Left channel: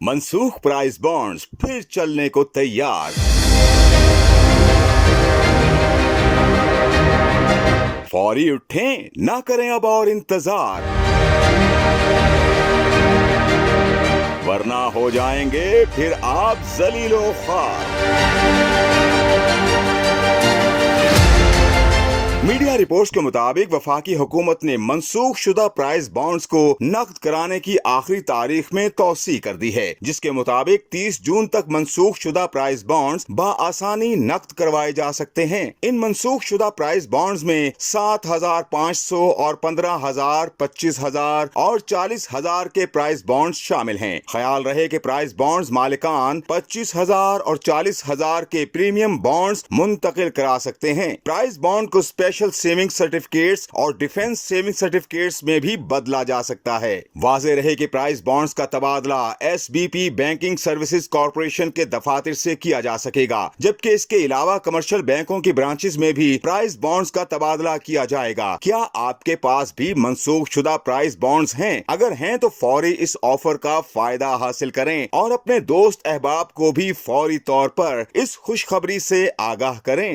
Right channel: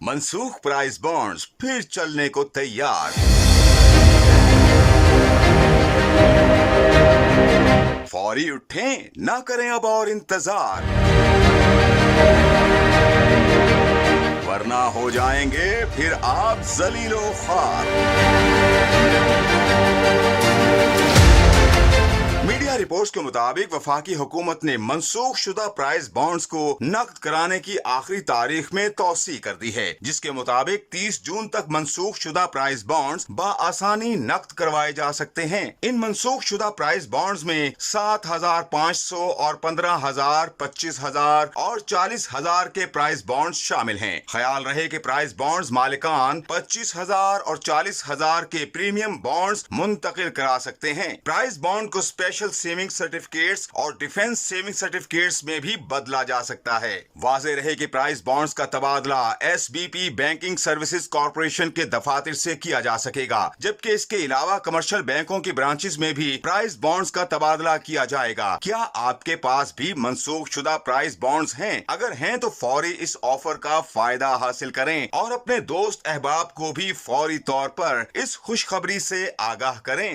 منسوخ prize bonds پھر چلنے کو تیار۔ فوری اٹھیں، نہ کریں اب اور انتظار، ورنہ ہو جائیں گے پھر آپ ذلیل و خوار۔ میڈیا رپورٹس کے مطابق وفاقی حکومت نے منسوخ شدہ پرائز بانڈز کو نقد کرانے کی آخری تاریخ میں توسیع کر دی ہے، جس کے مطابق 30 جون تک منسوخ شدہ پرائز بانڈز بآسانی نقد کروائے جا سکتے ہیں۔ ان منسوخ شدہ پرائز بانڈز میں 7,500 اور 15,000، 25,000 اور 40,000 کے پرائز بانڈز شامل ہیں۔ خیال رہے کہ پرائز بانڈز مالکان 25,000 اور 40,000 کے پریمیم بانڈز منتقل کرا سکتے ہیں۔ پرائز بانڈ کو اسپیشل سیونگ سرٹیفکیٹس اور ڈیفنس سیونگ سرٹیفکیٹس میں بھی بدلا جا سکتا ہے۔ واضح رہے کہ پرائز بانڈز کا تبادلہ S B P banking services corporation کے دفاتر سے کیا جا سکے گا، جبکہ اس کے علاوہ کمرشل بینکوں کی برانچز میں بھی پرائز بانڈز کا تبادلہ کیا جائے گا۔ کیا آپ کے پاس بھی منسوخ شدہ پرائز بانڈز ہیں؟ اگر ہیں تو فوری اس آفر کا فائدہ حاصل کریں اور اپنے دوست احباب کو بھی فوری طور پر اس خوشخبری سے آگاہ کریں۔